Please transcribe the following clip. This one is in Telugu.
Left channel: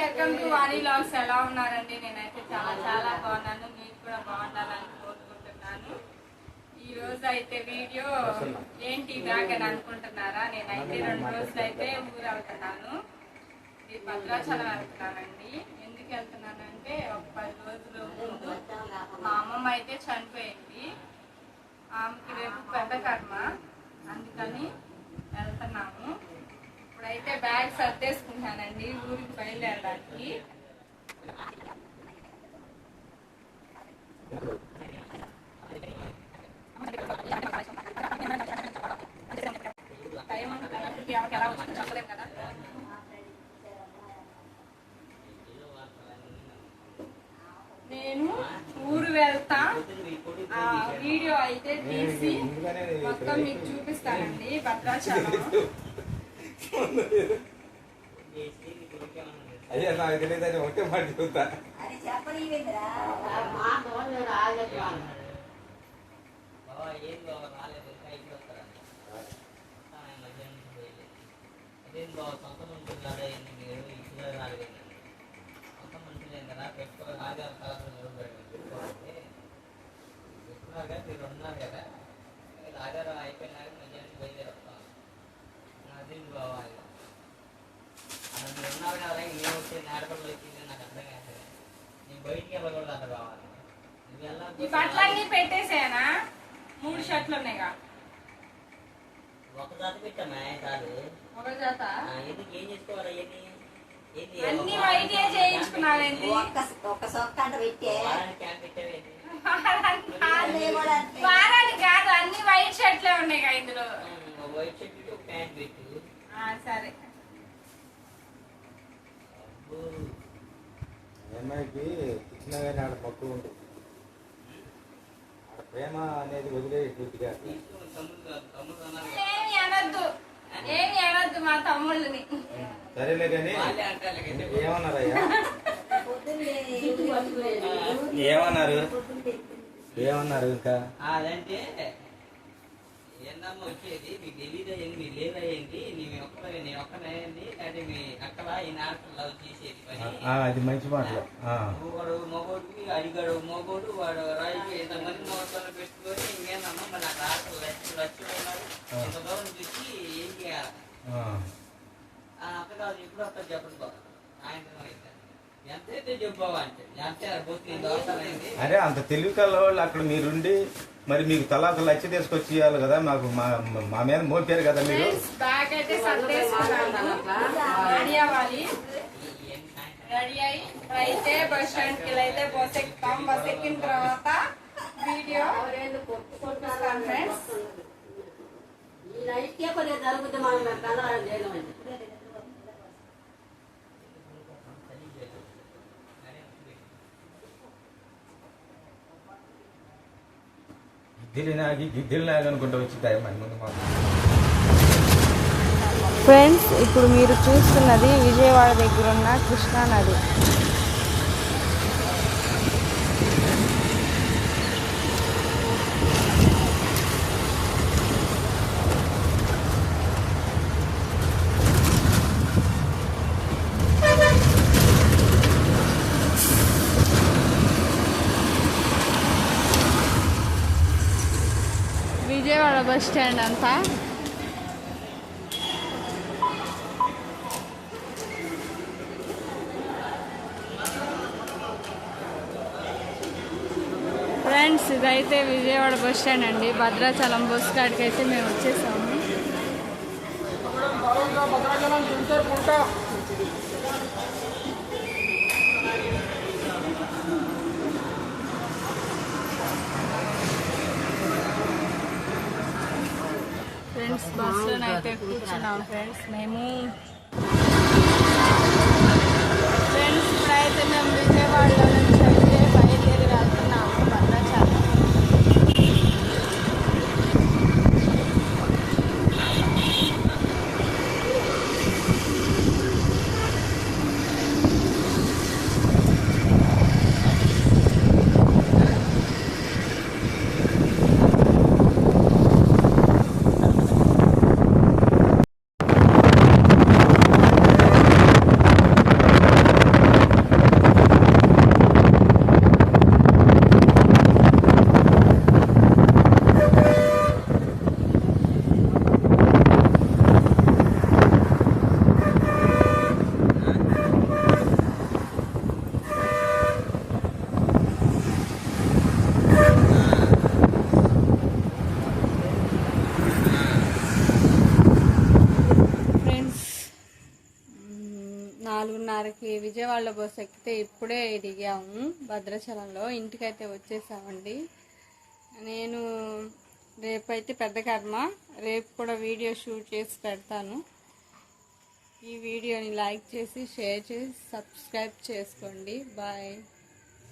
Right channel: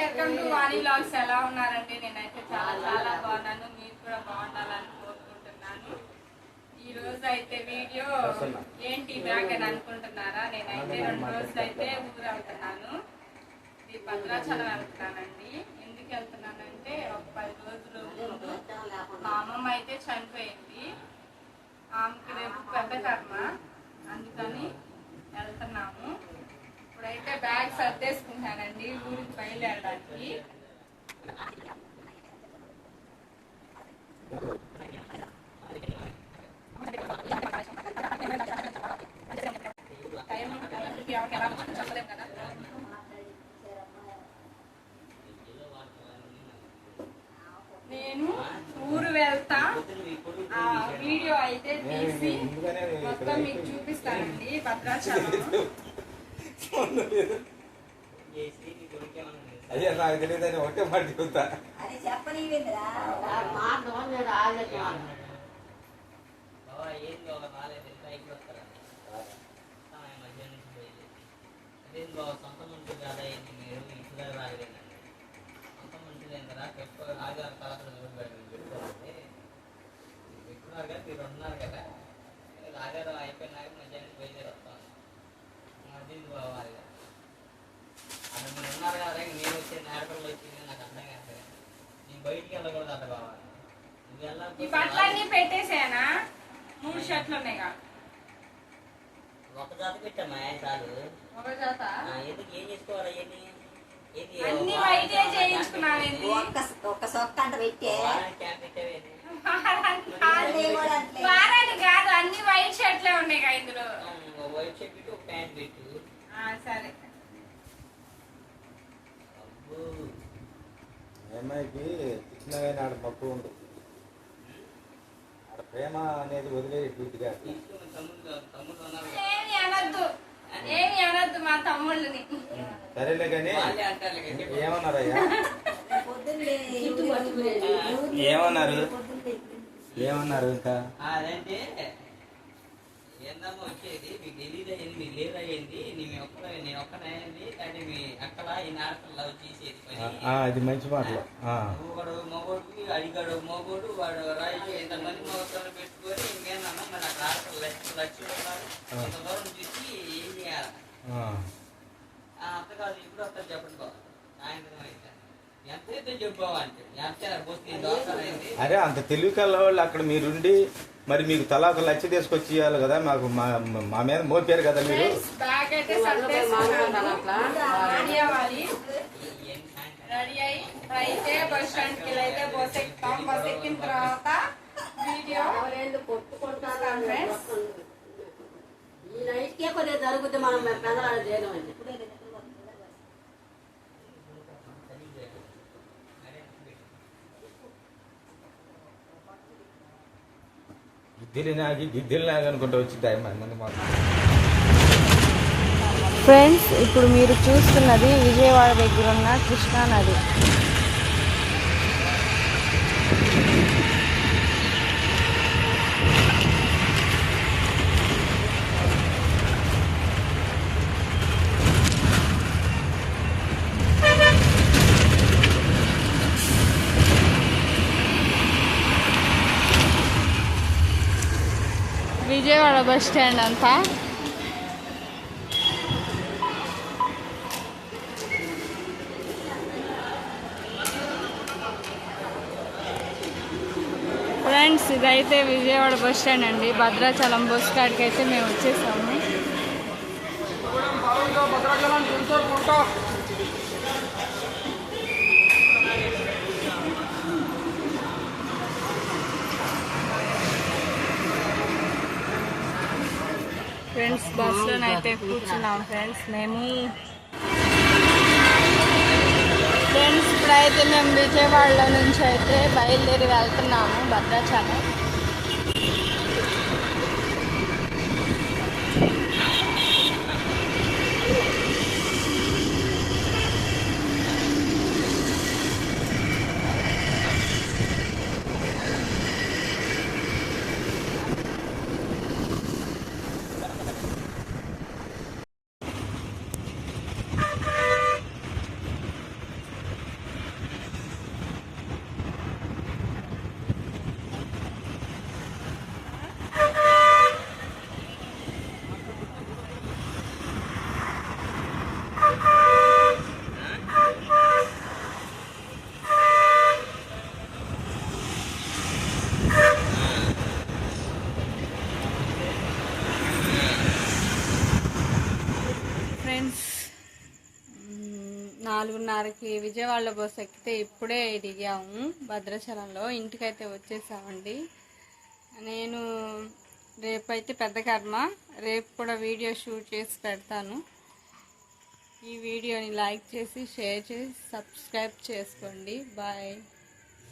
Welcome to Vani vlogs. ఎలా ఉన్నారండి? నేనైతే చాలా చాలా బాగున్నాను. మీరు కూడా బాగుండాలని కోరుకుంటున్నాను. ఈ రోజు అయితే వీడియో ఏంటి బ్యాగ్ అని అనుకుంటున్నారా? నేనైతే 2 రోజులు అయితే ఊరు వెళ్తున్నాను. ఇది భద్రాచలం వెళ్తున్నానండి. ఎందుకు వెళ్తున్నానంటే ఒక 10 రోజుల ముందు మా అమ్మమ్మ అయితే చనిపోయింది. ఆమెకి రేపు పెద్ద కర్మ, అందుకని వెళ్తున్నాము. ఇప్పుడైతే బ్యాగ్ సర్దేసుకుంటానండి ఊరికి బయలుదేరడానికి. ఎలా వచ్చింది చెప్పలేం కదా. నేను ఊరు వెళ్తా, ఆ వీడియో అయితే తీసి మొత్తం మీకు చూపిస్తానండి. భద్రాచలం అయ్యా నాకు తెలియదని ఒకటే మాట చెబుతా. సొంత మనుషులు కదా ఏంటి మీరు ఇంట్లో రాలేదండి. సొంత మనుషులేం కదా పెట్టుకోవాలి. ఆధార్ కార్డు నిలబెట్టుకోవాలి. ఎక్కువగా మీరు ఉన్నారు కదా, ఆధార్ అయిపోయినాక మధ్యాహ్నం బయలుదేరుతాను. అది పోవాలి. అది మీరు ఉన్నారు కదా, నేను వచ్చే నేరపల్లి వచ్చింది నాకు అర్థం కాదు. నేను బయటికి వెళ్ళకూడదు, అక్కడ కావాలి. ఈ బట్టలన్నీ పెట్టేసానా? 3 షర్ట్లు ఉన్నాయిగా. ఒక జాత పెట్టామా సార్? ఒక జాత ఎందుకు ఏం చేసుకోవాలి? అన్ని వైటే చేయించుకున్నావేంటి? ఒక సొక్క అంట పెట్టే వారానికి కాదు, అన్ని వైట్ షర్ట్లే ఉన్నాయి కదా ఇందులో. వైట్ షర్ట్ ప్యాంట్ పెట్టు. సరే. అమ్మాయికి ఇచ్చిననాడు మక్కువ ఉంటుంది. ప్రేమ అనేది వదిలేది పూర్తిగా. ఏమి అనొద్దు మా తమ్ముళ్ళని. సరేలే కానీ ఏమన్నారయ్యా? ఏమన్నారు ఇంకా? అదంటే ఏందమ్మా వచ్చేది మీకు తెలీదు అయ్యింది, మీకు లేదు అయ్యింది, నేను ఒక్కనయ్యింది అంటే మీ అక్కడ ఈ నాటకం లవ్ చేసేది పని. అది మంచి మాట. ఒకడు మగోడికి అడిగాడు, మగోడు వాడు రాయికి ఎంతమంది మగోళ్ళు పెట్టుకొని ఇంకేందమ్మా మరి నాకు ఆటలు లచ్చి ఉన్నారు, ఇంత దూరం చూసి ఏం చేయాలి? అక్క కాదు ఇప్పుడు అక్కడ చెప్పడం సాయంత్రం అయితే ఎంతైతే చెప్పుకోవాలంటే అరే అంత తెలివి కల వాళ్ళు అక్కడ మీరుండి మరి మీకు తలాకు లచ్చి తీసుకొచ్చి ఇవ్వాలి కదా. మాకు మా మీద మోపారు కదా మీరు. బ్యాగ్ అయితే సర్దేసుకున్నాను, రెడీ అవ్వాలి. రెడీ అయ్యి అయితే బస్ స్టాండ్ కి అయితే బస్ ఎక్కుతాం. బస్ ఎక్కిన తర్వాత వీడియో కొట్టుకుంటాను ఫ్రెండ్స్. జరుగుతుంది మనం గిద్దెలు నాగనుకుంటూ వచ్చి టైం ఫ్రెండ్స్, ఇప్పుడు మీరు చూస్తున్నది విజయవాడ దగ్గర ఉన్న కృష్ణా నది. విజయవాడ బస్ స్టాండ్ అంతా ఫ్రెండ్స్, ఇదైతే విజయవాడ బస్ స్టాండ్ అండి. భద్రాచలం బస్ కాడికి అయితే మేము వచ్చేసాము. ఫ్రెండ్స్, బస్సులోనైతే కూర్చున్నాం ఫ్రెండ్స్ మేము. ఫ్రెండ్స్, ఇప్పుడైతే మేము విజయవాడలో నుంచి అయితే బయలుదేరి వెళ్తున్నాము భద్రాచలం. 4:30కి విజయవాడలో బస్సు ఎక్కితే ఇప్పుడే దిగాము భద్రాచలంలో. ఇంటికైతే వచ్చేసామండి. నేను రేపైతే పెద్ద కర్మ, రేపు కూడా వీడియో షూట్ చేసి పెడతాను. ఈ వీడియోని లైక్ చేసి షేర్ చేసి సబ్స్క్రైబ్ చేసుకోండి. బాయ్.